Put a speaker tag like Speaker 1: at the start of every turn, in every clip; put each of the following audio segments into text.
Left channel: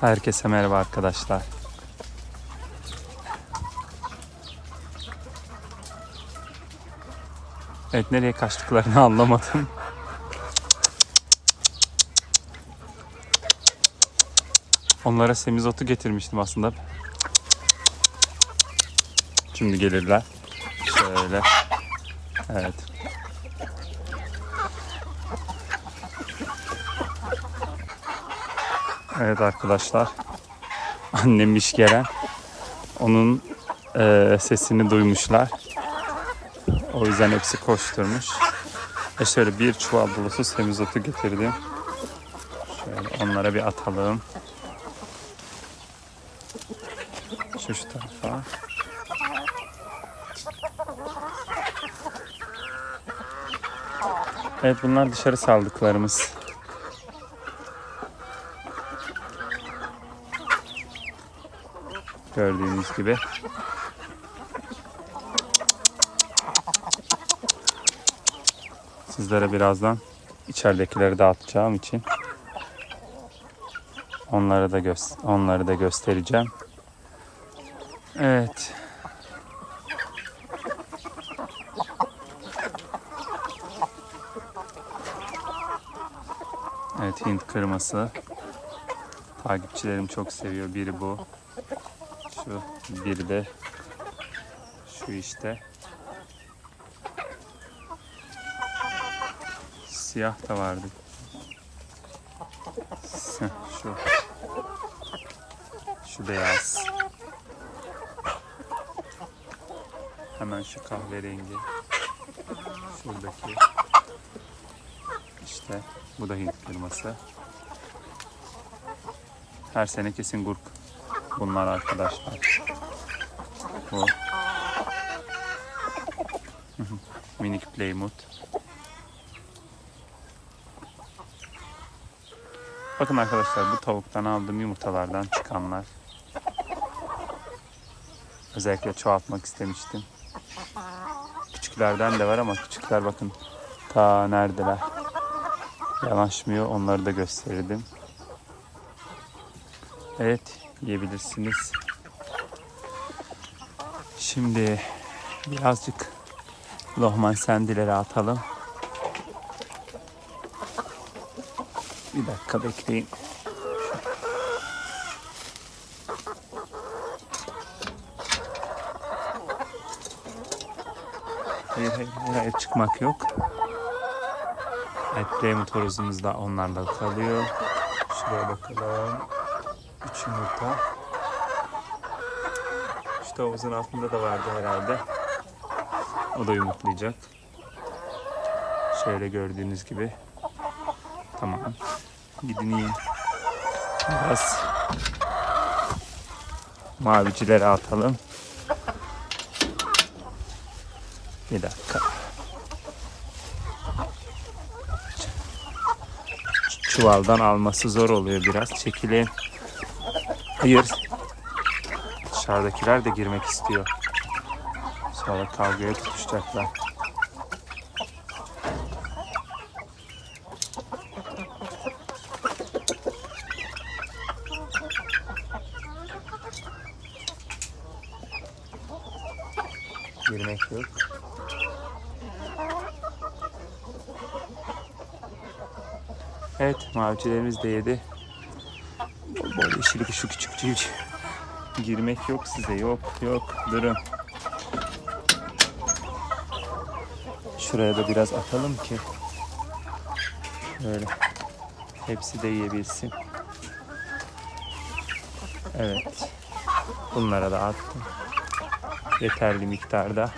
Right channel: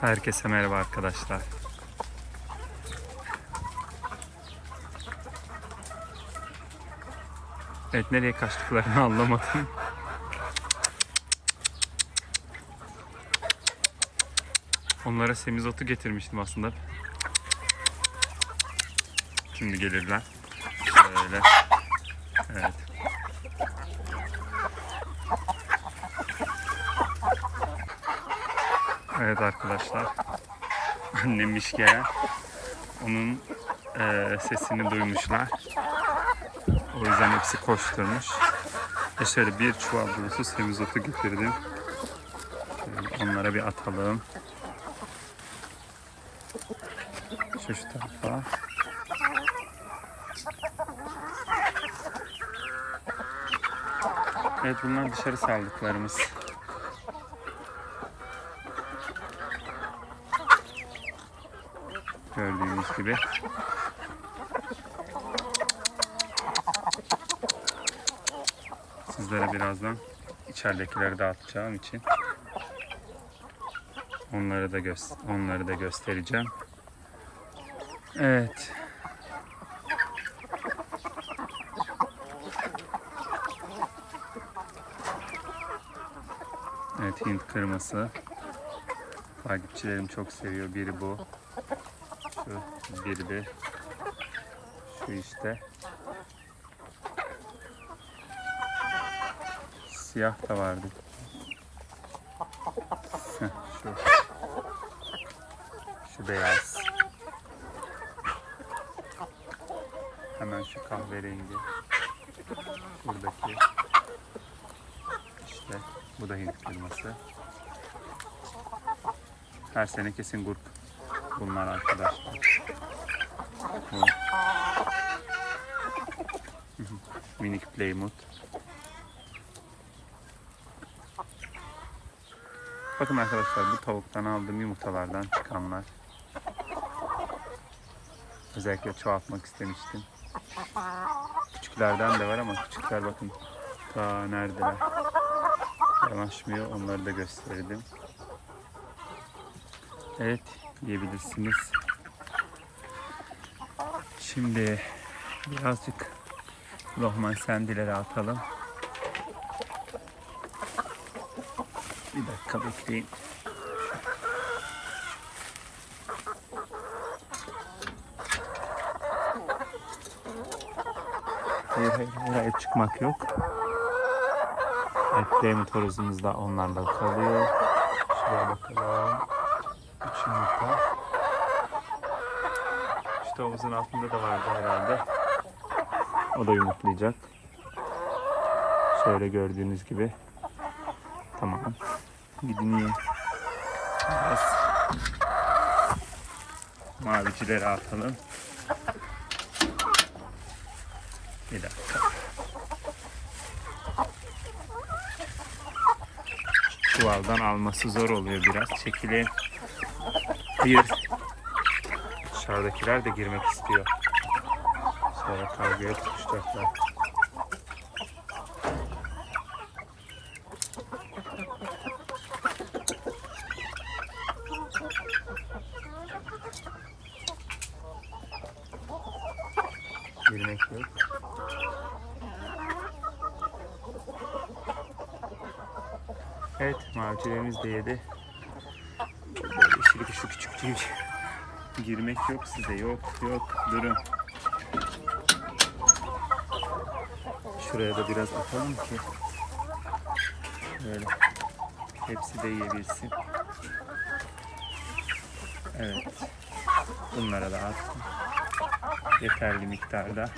Speaker 1: Herkese merhaba arkadaşlar. Evet nereye kaçtıklarını anlamadım. Onlara semizotu getirmiştim aslında. Şimdi gelirler. Şöyle. Evet. Evet arkadaşlar. Annemmiş gelen. Onun eee, sesini duymuşlar. O yüzden hepsi koşturmuş. Ve şöyle bir çuval dolusu semizotu getirdim. Şöyle onlara bir atalım. Şu şu tarafa. Evet bunlar dışarı saldıklarımız. Gördüğünüz gibi. Sizlere birazdan içeridekileri dağıtacağım için onları da onları da göstereceğim. Evet. Evet Hint kırması. Takipçilerim çok seviyor. Biri bu. Şu biri de şu işte. Siyah da vardı. Şu. Şu beyaz. Hemen şu kahverengi. Şuradaki. İşte bu da Hint kırması. Her sene kesin gurk bunlar arkadaşlar. Bu. Minik Plymouth. Bakın arkadaşlar bu tavuktan aldığım yumurtalardan çıkanlar. Özellikle çoğaltmak istemiştim. Küçüklerden de var ama küçükler bakın ta neredeler. Yanaşmıyor onları da gösterdim. Evet yiyebilirsiniz. Şimdi birazcık lohman sendileri atalım. Bir dakika bekleyin. Hayır hayır hayır, çıkmak yok. Evet horozumuz da onlarla kalıyor. Şuraya bakalım. Yumurta. Şu tavuğumuzun altında da vardı herhalde. O da yumurtlayacak. Şöyle gördüğünüz gibi. Tamam. Gidin yiyin. Biraz mavicileri atalım. Bir dakika. Çuvaldan alması zor oluyor biraz. Çekilin. Hayır. Dışarıdakiler de girmek istiyor. Sonra kavgaya tutuşacaklar. Girmek yok. Evet, mavicilerimiz de yedi. Böyle yeşil şu küçük Girmek yok size, yok yok. Durun. Şuraya da biraz atalım ki böyle hepsi de yiyebilsin. Evet. Bunlara da attım. Yeterli miktarda.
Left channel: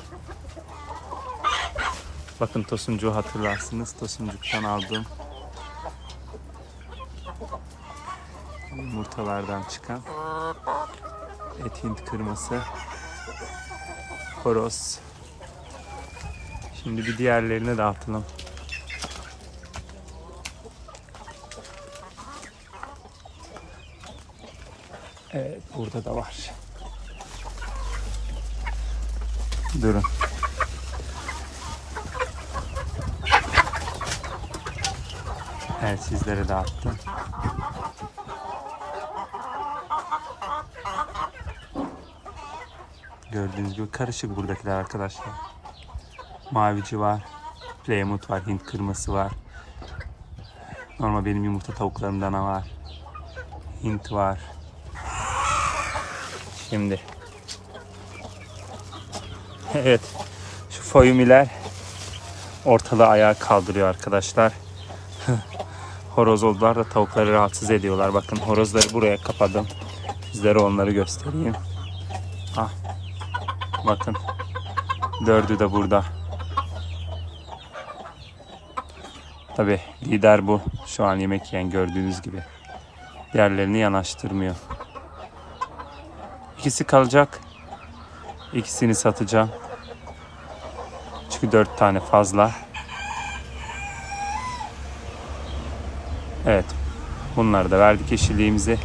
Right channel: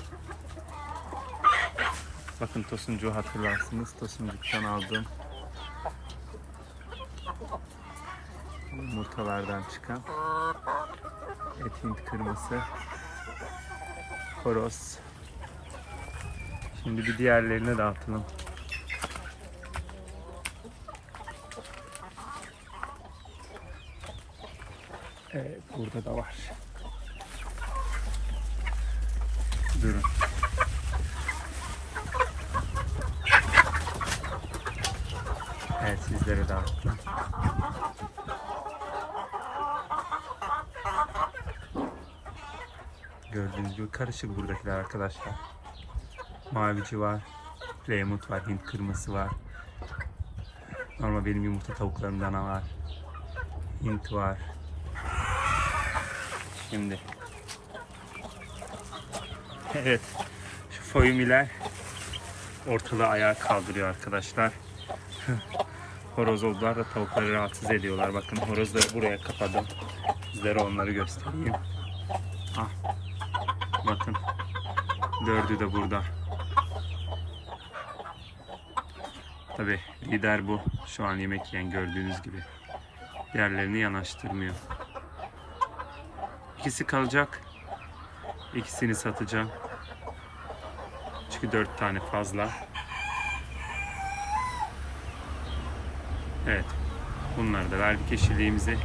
Speaker 1: Bakın tosuncuğu hatırlarsınız. Tosuncuktan aldığım yumurtalardan çıkan et hint kırması horoz. Şimdi bir diğerlerini dağıtalım. Evet burada da var. Durun. Evet sizlere dağıttım. Gördüğünüz gibi karışık buradakiler arkadaşlar. Mavici var. Plymouth var. Hint kırması var. Normal benim yumurta tavuklarımdan var. Hint var. Şimdi. Evet. Şu foyumiler ortalığı ayağa kaldırıyor arkadaşlar. Horoz oldular da tavukları rahatsız ediyorlar. Bakın horozları buraya kapadım. Sizlere onları göstereyim. Ah. Bakın. Dördü de burada. Tabi lider bu. Şu an yemek yiyen gördüğünüz gibi. Diğerlerini yanaştırmıyor. İkisi kalacak. İkisini satacağım. Çünkü dört tane fazla. Evet. Bunları da verdik yeşilliğimizi.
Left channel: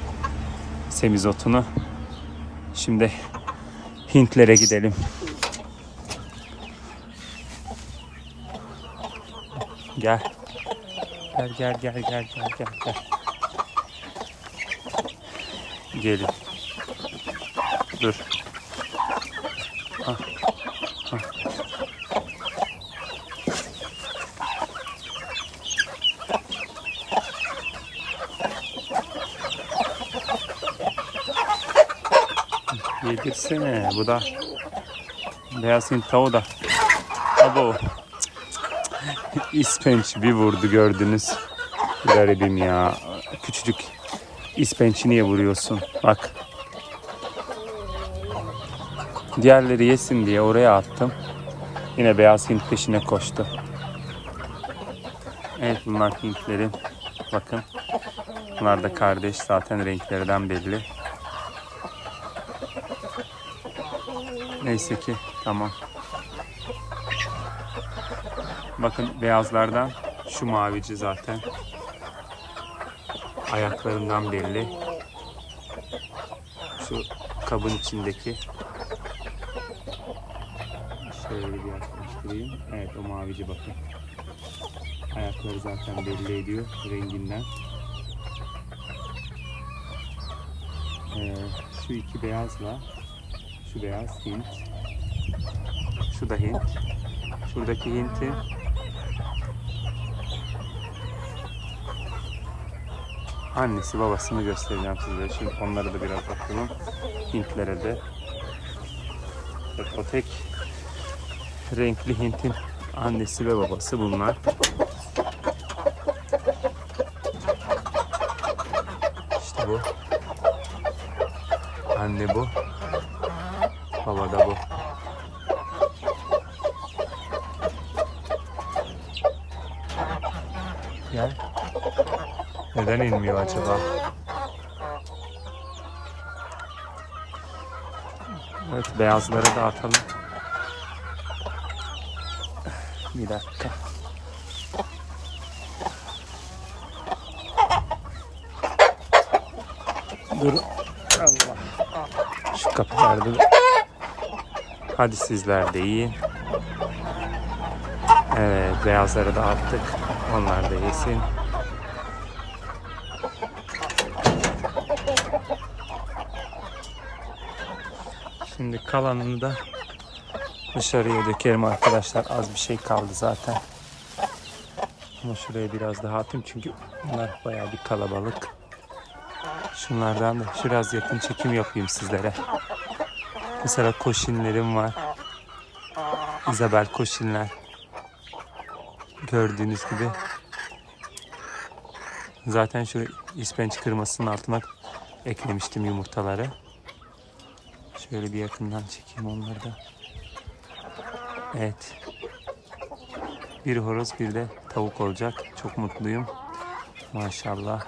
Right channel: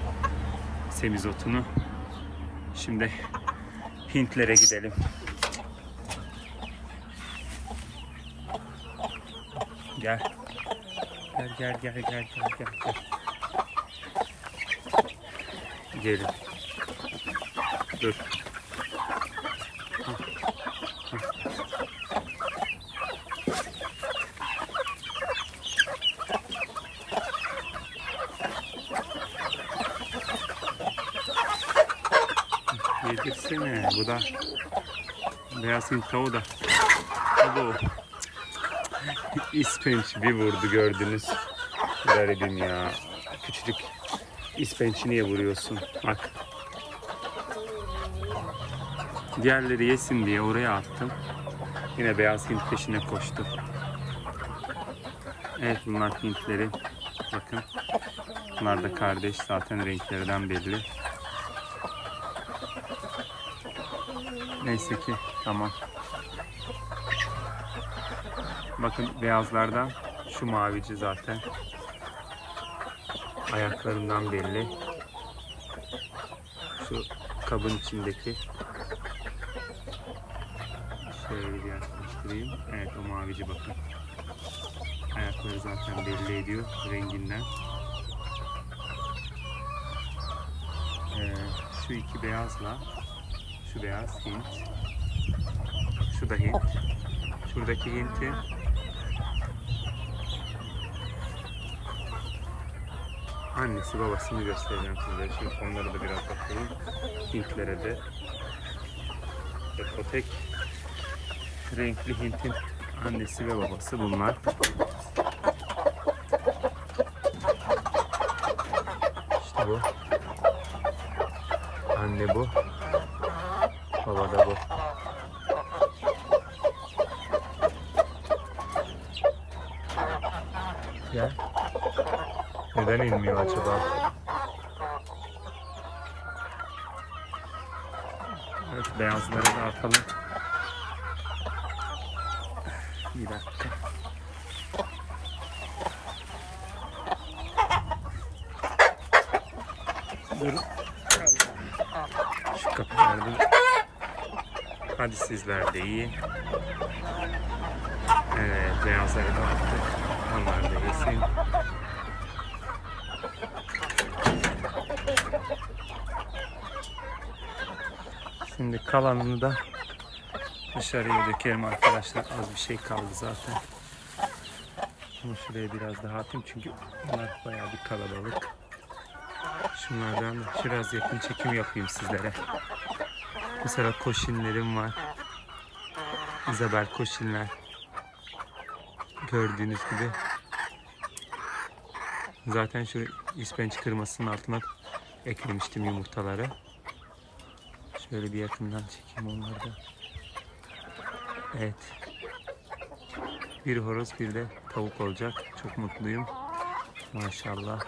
Speaker 1: Semizotunu. Şimdi Hintlere gidelim. Gel. Gel gel gel gel gel gel gel. Gelin. Dur. Ah, ah. Yedirsene. Bu da beyaz Hint tavuğu da. Abo. İspenç bir vurdu gördünüz. Garibim ya. Küçücük ispençi niye vuruyorsun? Bak. Diğerleri yesin diye oraya attım. Yine beyaz Hint peşine koştu. Evet bunlar Hintlerin. Bakın. Bunlar da kardeş. Zaten renklerinden belli. Neyse ki tamam. Bakın beyazlardan şu mavici zaten. Ayaklarından belli. Şu kabın içindeki. Şöyle bir yaklaştırayım. Evet o mavici bakın. Ayakları zaten belli ediyor renginden. Ee, şu iki beyazla şu beyaz Hint. Şu da Hint. Şuradaki Hint'in annesi babasını göstereceğim size. Şimdi onları da biraz bakalım. Hintlere de. Evet, o tek renkli Hint'in annesi ve babası bunlar. İşte bu. Anne bu. Baba da bu. Gel. İnmiyor acaba? Evet beyazları da atalım. Bir dakika. Dur. Şu kapılarda Hadi sizler de yiyin. Evet, beyazları da attık. Onlar da yesin. Şimdi kalanını da dışarıya dökerim arkadaşlar. Az bir şey kaldı zaten. Ama şuraya biraz daha atayım çünkü bunlar bayağı bir kalabalık. Şunlardan da biraz yakın çekim yapayım sizlere. Mesela koşinlerim var. Isabel koşinler. Gördüğünüz gibi. Zaten şu ispenç kırmasının altına eklemiştim yumurtaları. Şöyle bir yakından çekeyim onları da. Evet. Bir horoz bir de tavuk olacak. Çok mutluyum. Maşallah.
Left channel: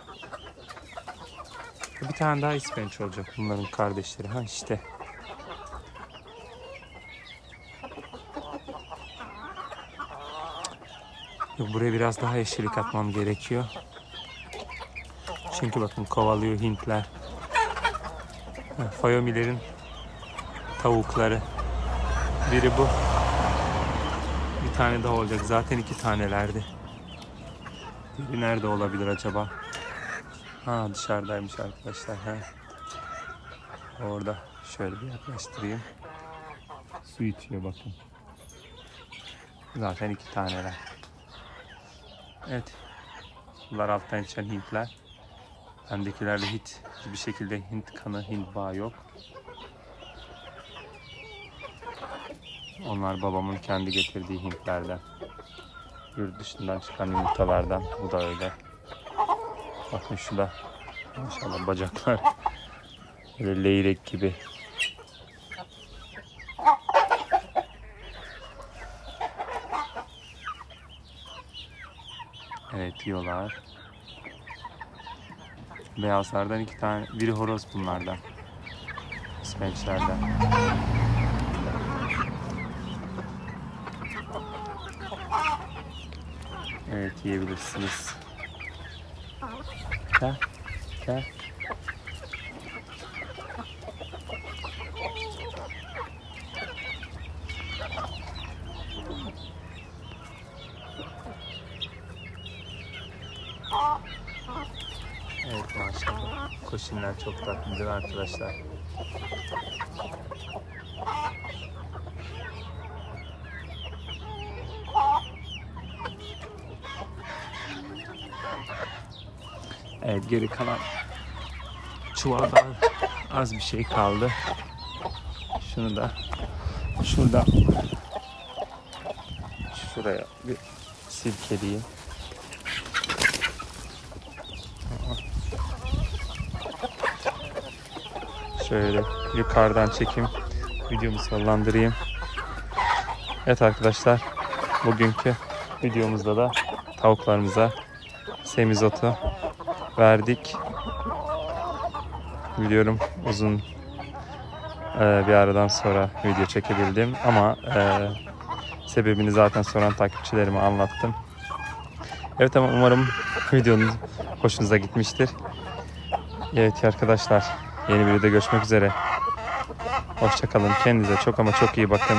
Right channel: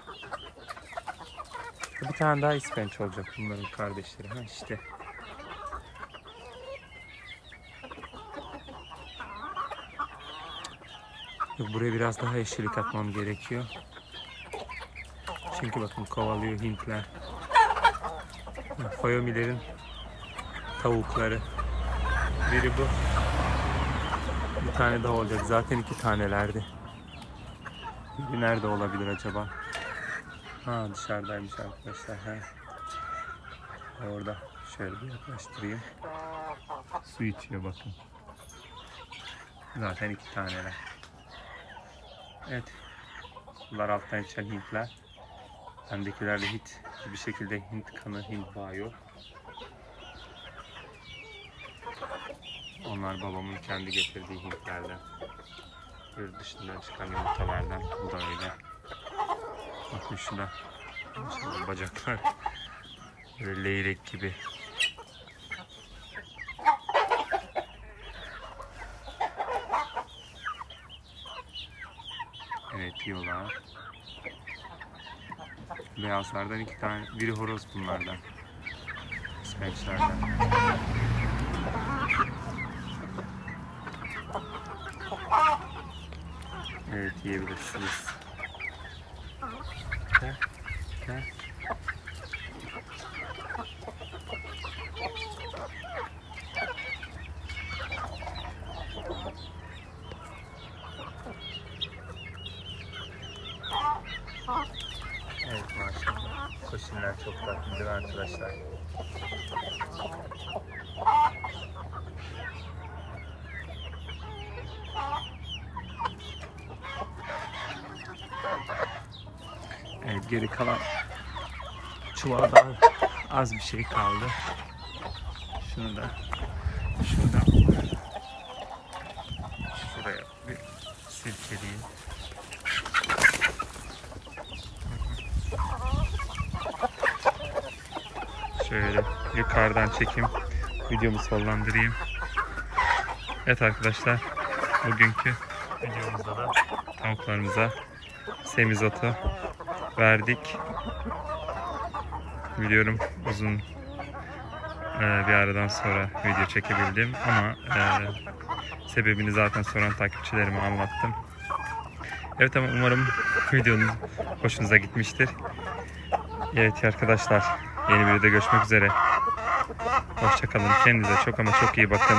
Speaker 1: Bir tane daha ispenç olacak bunların kardeşleri. Ha işte. Yok, buraya biraz daha yeşillik atmam gerekiyor. Çünkü bakın kovalıyor Hintler. Fayomilerin tavukları. Biri bu. Bir tane daha olacak. Zaten iki tanelerdi. Biri nerede olabilir acaba? Ha dışarıdaymış arkadaşlar. Ha. Orada. Şöyle bir yaklaştırayım. Su içiyor bakın. Zaten iki taneler. Evet. Bunlar alttan içen Hintler. Bendekilerde hiç hiçbir şekilde Hint kanı, Hint bağı yok. Onlar babamın kendi getirdiği Hintlerden. Yurt dışından çıkan yumurtalardan. Bu da öyle. Bakın şu da maşallah bacaklar. Böyle leyrek gibi. Evet yiyorlar. Beyazlardan iki tane, biri horoz bunlardan. İsveçlerden. Evet yiyebilirsiniz. Gel, gel. Evet maşallah. Koşinler çok tatlı değil arkadaşlar? Evet geri kalan çuvaldan az bir şey kaldı. Şunu da şuradan şuraya bir silkeleyeyim. Şöyle yukarıdan çekeyim. Videomu sonlandırayım. Evet arkadaşlar. Bugünkü videomuzda da tavuklarımıza semizotu verdik. Biliyorum uzun e, bir aradan sonra video çekebildim ama e, sebebini zaten soran takipçilerime anlattım. Evet ama umarım videonun hoşunuza gitmiştir. Evet arkadaşlar yeni bir videoda görüşmek üzere. Hoşçakalın. Kendinize çok ama çok iyi bakın.